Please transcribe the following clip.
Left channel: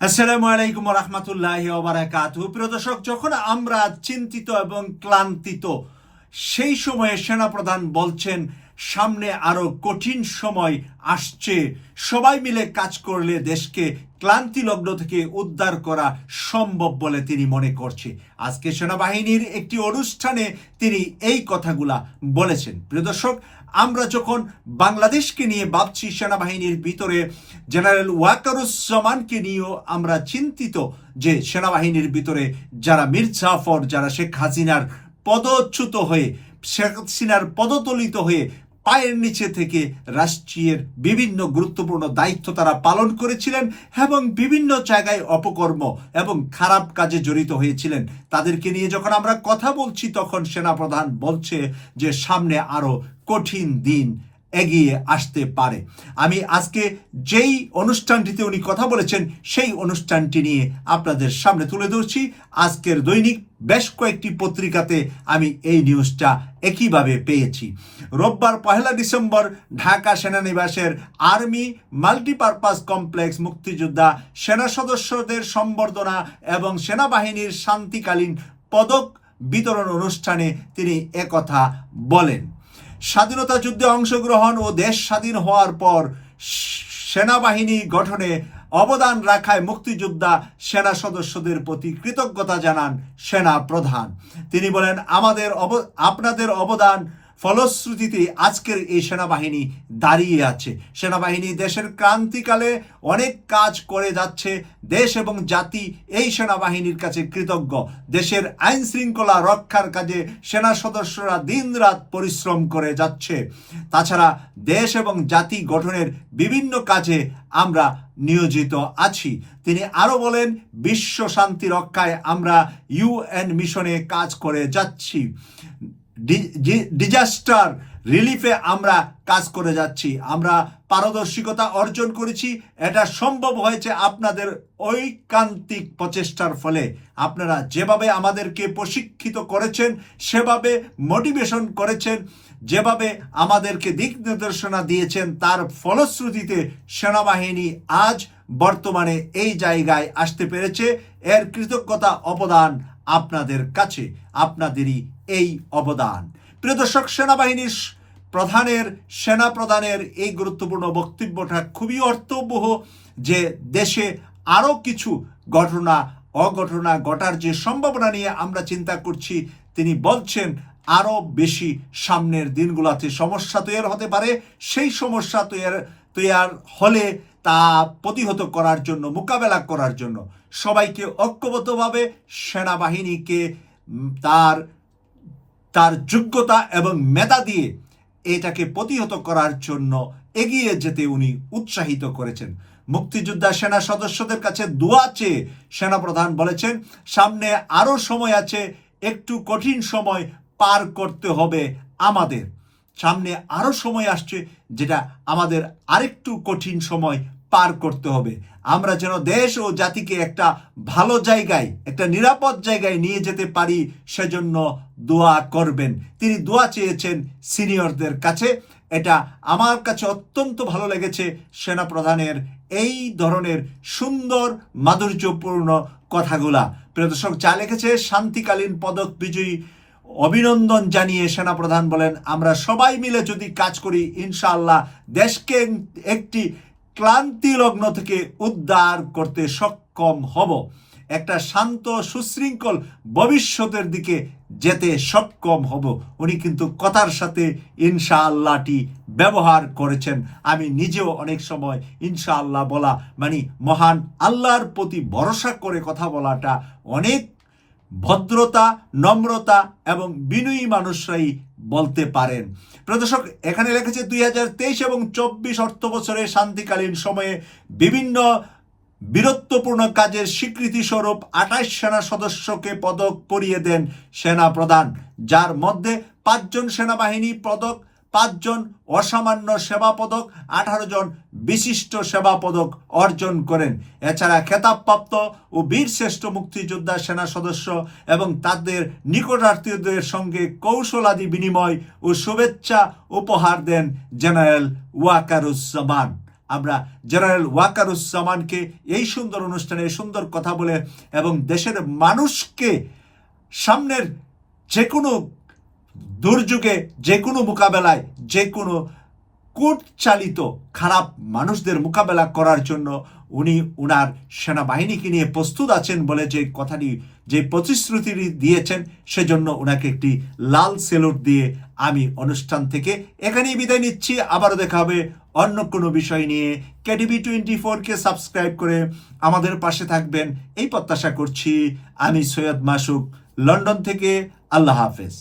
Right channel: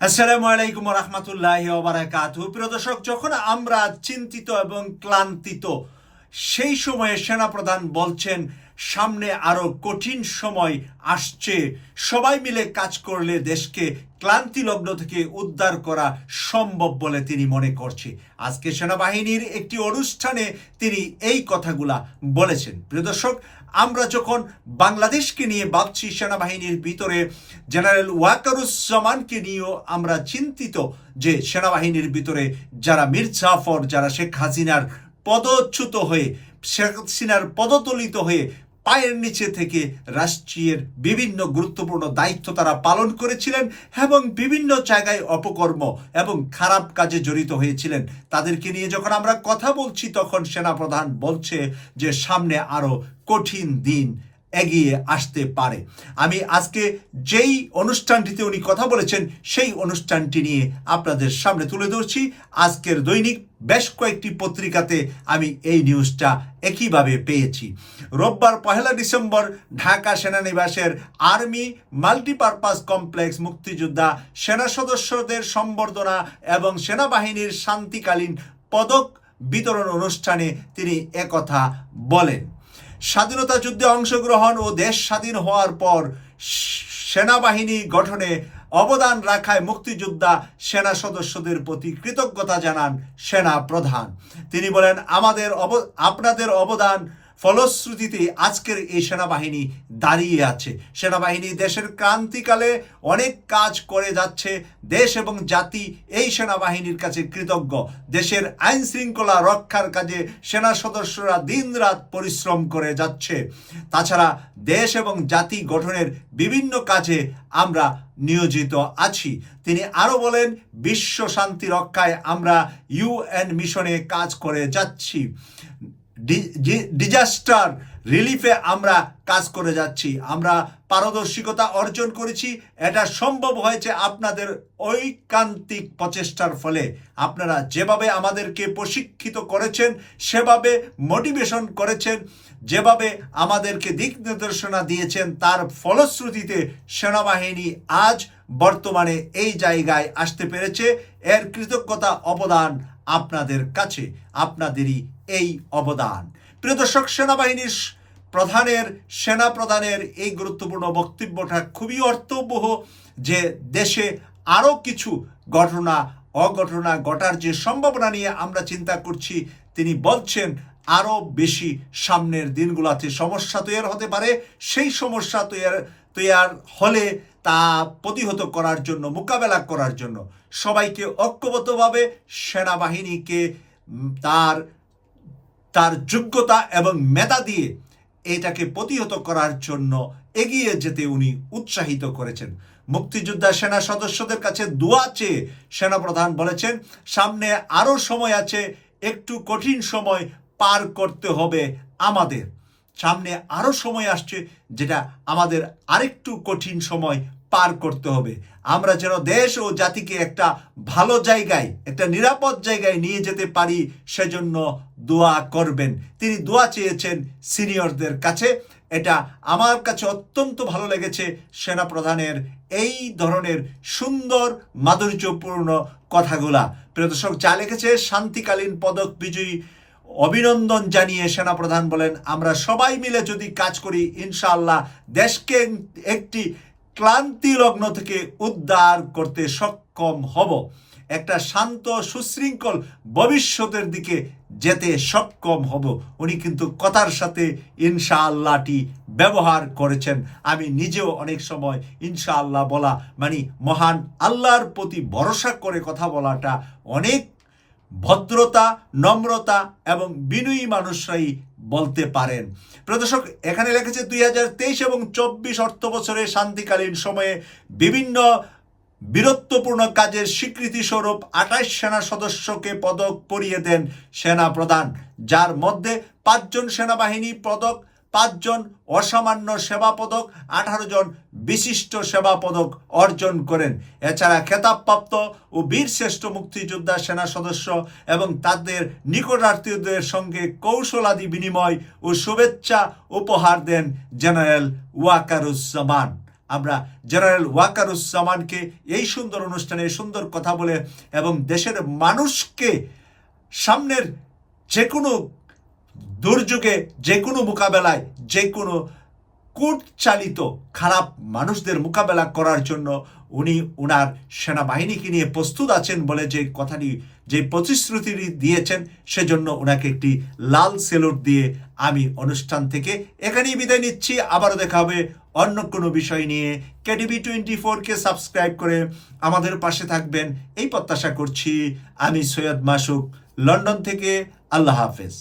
আসসালামু আলাইকুম রহমতুল্লাহ ওবরাকাতু প্রিয় দর্শক, যখন আমরা চিন্তিত এবং ক্লান্তিত, সেই সময়ে সেনাপ্রধান বলছেন সামনে আরও কঠিন সময় আসছে। সবাই মিলে কাজ করলে দেশকে ক্লান্তি লগ্ন থেকে উদ্ধার করা সম্ভব বলে তিনি মনে করছে। আজকে সেনাবাহিনীর একটি অনুষ্ঠানে তিনি এই কথাগুলা বলেছেন। প্রিয় দর্শক, আমরা যখন বাংলাদেশকে নিয়ে ভাবছি, সেনাবাহিনীর ভিতরে জেনারেল ওয়াকারুজ্জামানকে নিয়েও আমরা চিন্তিত যে সেনাবাহিনীর ভিতরে যারা মীর জাফর, যারা শেখ হাসিনার পদচ্যুত হয়ে, শেখ হাসিনার পদতলিত হয়ে পায়ের নিচে থেকে রাষ্ট্রীয় বিভিন্ন গুরুত্বপূর্ণ দায়িত্ব তারা পালন করেছিলেন এবং বিভিন্ন জায়গায় অপকর্ম এবং খারাপ কাজে জড়িত হয়েছিলেন। তাদেরকে নিয়ে যখন আমরা কথা বলছি, তখন সেনাপ্রধান বলছে যে, সামনে আরও কঠিন দিন এগিয়ে আসতে পারে। আমি আজকে যেই অনুষ্ঠানটিতে উনি কথা বলেছেন, সেই অনুষ্ঠানটি নিয়ে আপনাদের সামনে তুলে ধরছি। আজকের দৈনিক বেশ কয়েকটি পত্রিকাতে আমি এই নিউজটা একইভাবে পেয়েছি। রোববার পহেলা ডিসেম্বর ঢাকা সেনানিবাসের আর্মি মাল্টিপারপাস কমপ্লেক্স মুক্তিযোদ্ধা, সেনা সদস্যদের সম্বর্ধনা এবং সেনাবাহিনীর শান্তিকালীন পদক বিতরণ অনুষ্ঠানে তিনি একথা বলেন। স্বাধীনতা যুদ্ধে অংশগ্রহণ ও দেশ স্বাধীন হওয়ার পর সেনাবাহিনী গঠনে অবদান রাখায় মুক্তিযোদ্ধা সেনা সদস্যদের প্রতি কৃতজ্ঞতা জানান সেনা প্রধান। তিনি বলেন, আমাদের অব, আপনাদের অবদান ফলশ্রুতিতে আজকের এই সেনাবাহিনী দাঁড়িয়ে আছে। সেনাবাহিনী দেশের ক্রান্তিকালে অনেক কাজ করে যাচ্ছে। দেশ এবং জাতি এই সেনাবাহিনীর কাছে কৃতজ্ঞ। দেশের আইন শৃঙ্খলা রক্ষার কাজে সেনা সদস্যরা দিনরাত পরিশ্রম করে যাচ্ছে। তাছাড়া দেশ এবং জাতি গঠনের বিভিন্ন কাজে আমরা নিয়োজিত আছি। তিনি আরও বলেন, বিশ্ব শান্তি রক্ষায় আমরা ইউএন মিশনে কাজ করে যাচ্ছি। ডিজাস্টার রিলিফে আমরা কাজ করে যাচ্ছি। আমরা পারদর্শিকতা অর্জন করেছি। এটা সম্ভব হয়েছে আপনাদের ঐকান্তিক প্রচেষ্টার ফলে। আপনারা যেভাবে আমাদেরকে প্রশিক্ষিত করেছেন, সেভাবে মোটিভেশন করেছেন, যেভাবে আমাদেরকে দিক নির্দেশনা দিয়েছেন, তার ফলশ্রুতিতে সেনাবাহিনী আজ বর্তমানে এই জায়গায় আসতে পেরেছে। এর কৃতজ্ঞতা অবদান আপনাদের কাছে, আপনাদেরই এই অবদান। প্রিয় দর্শক, সেনাবাহিনীর প্রধানের সেনা প্রধানের এই গুরুত্বপূর্ণ বক্তব্যটা খুবই অর্থবহ যে দেশে আরও কিছু ঘটনা, অঘটনা ঘটার যে সম্ভাবনা নিয়ে আমরা চিন্তা করছি, তিনি বলছেন, আরও বেশি সামনের দিনগুলোতে সমস্যা তৈরি হতে পারে। সেই সমস্যা তৈরি তৈয়ার হলে তা প্রতিহত করার জন্য, মোকাবেলা করার জন্য সবাইকে ঐক্যবদ্ধভাবে সেনাবাহিনীকে তার তার যোগ্যতা এবং মেধা দিয়ে এটাকে প্রতিহত করার জন্য এগিয়ে যেতে উনি উৎসাহিত করেছেন। মুক্তিযোদ্ধা সেনা সদস্যদের কাছে দোয়া চেয়ে সেনাপ্রধান বলেছেন, সামনে আরও সময় আছে, একটু কঠিন সময় পার করতে হবে আমাদের। সামনে আরও সময় আসছে, যেটা আমাদের আরেকটু কঠিন সময় পার করতে হবে। আমরা যেন দেশ ও জাতিকে একটা ভালো জায়গায়, একটা নিরাপদ জায়গায় নিয়ে যেতে পারি, সেজন্য দোয়া করবেন। তিনি দোয়া চেয়েছেন সিনিয়রদের কাছে। এটা আমার কাছে অত্যন্ত ভালো লেগেছে। সেনাপ্রধানের এই ধরনের সুন্দর মাধুর্যপূর্ণ কথাগুলা। প্রিয় দর্শক, যা লিখেছে শান্তিকালীন পদক বিজয়ী অভিনন্দন জানিয়ে সেনাপ্রধান বলেন, আমরা সবাই মিলে যদি কাজ করি, ইনশাআল্লাহ দেশকে একটি ক্লান্তি লগ্ন থেকে উদ্ধার করতে সক্ষম হব। একটা শান্ত, সুশৃঙ্খল ভবিষ্যতের দিকে যেতে সক্ষম হব। উনি কিন্তু কথার সাথে ইনশাআল্লাহটি ব্যবহার করেছেন। আমি নিজেও অনেক সময় ইনশাআল্লাহ বলা মানে মহান আল্লাহর প্রতি ভরসা করে কথা বলাটা অনেক ভদ্রতা, নম্রতা এবং বিনয়ী মানুষরাই বলতে পারেন। প্রদর্শক এখানে লেখেছে দুই হাজার তেইশ এবং চব্বিশ অর্থ বছরে শান্তিকালীন সময়ে বিভিন্ন বীরত্বপূর্ণ কাজের স্বীকৃতি স্বরূপ আঠাশ সেনা সদস্যকে পদক পরিয়ে দেন সেনা প্রধান যার মধ্যে পাঁচজন সেনাবাহিনী পদক পাঁচজন অসামান্য সেবা পদক আঠারো জন বিশিষ্ট সেবা পদক অর্জন করেন। এছাড়া খেতাবপ্রাপ্ত ও বীরশ্রেষ্ঠ মুক্তিযোদ্ধা সেনা সদস্য এবং তাদের নিকটাত্মীয়দের সঙ্গে কৌশলাদি বিনিময় ও শুভেচ্ছা উপহার দেন জেনারেল ওয়াকারুজ্জামান। আমরা জেনারেল ওয়াকারুজ্জামানকে এই সুন্দর অনুষ্ঠানে সুন্দর কথা বলে এবং দেশের মানুষকে সামনের যে কোনো দুর্যোগে যে কোনো মোকাবেলায় যে কোনো কূট চালিত খারাপ মানুষদের মোকাবেলা করার জন্য উনি উনার সেনাবাহিনীকে নিয়ে প্রস্তুত আছেন বলে যে কথাটি, যে প্রতিশ্রুতি দিয়েছেন সেজন্য ওনাকে একটি লাল সেলুট দিয়ে আমি অনুষ্ঠান থেকে এখানেই বিদায় নিচ্ছি। আবারও দেখা হবে অন্য কোনো বিষয় নিয়ে। কেডিবি টোয়েন্টি ফোরকে সাবস্ক্রাইব করে আমাদের পাশে থাকবেন। এই প্রত্যাশা করছি আমি সৈয়দ মাসুক। লন্ডন থেকে আল্লাহ হাফেজ।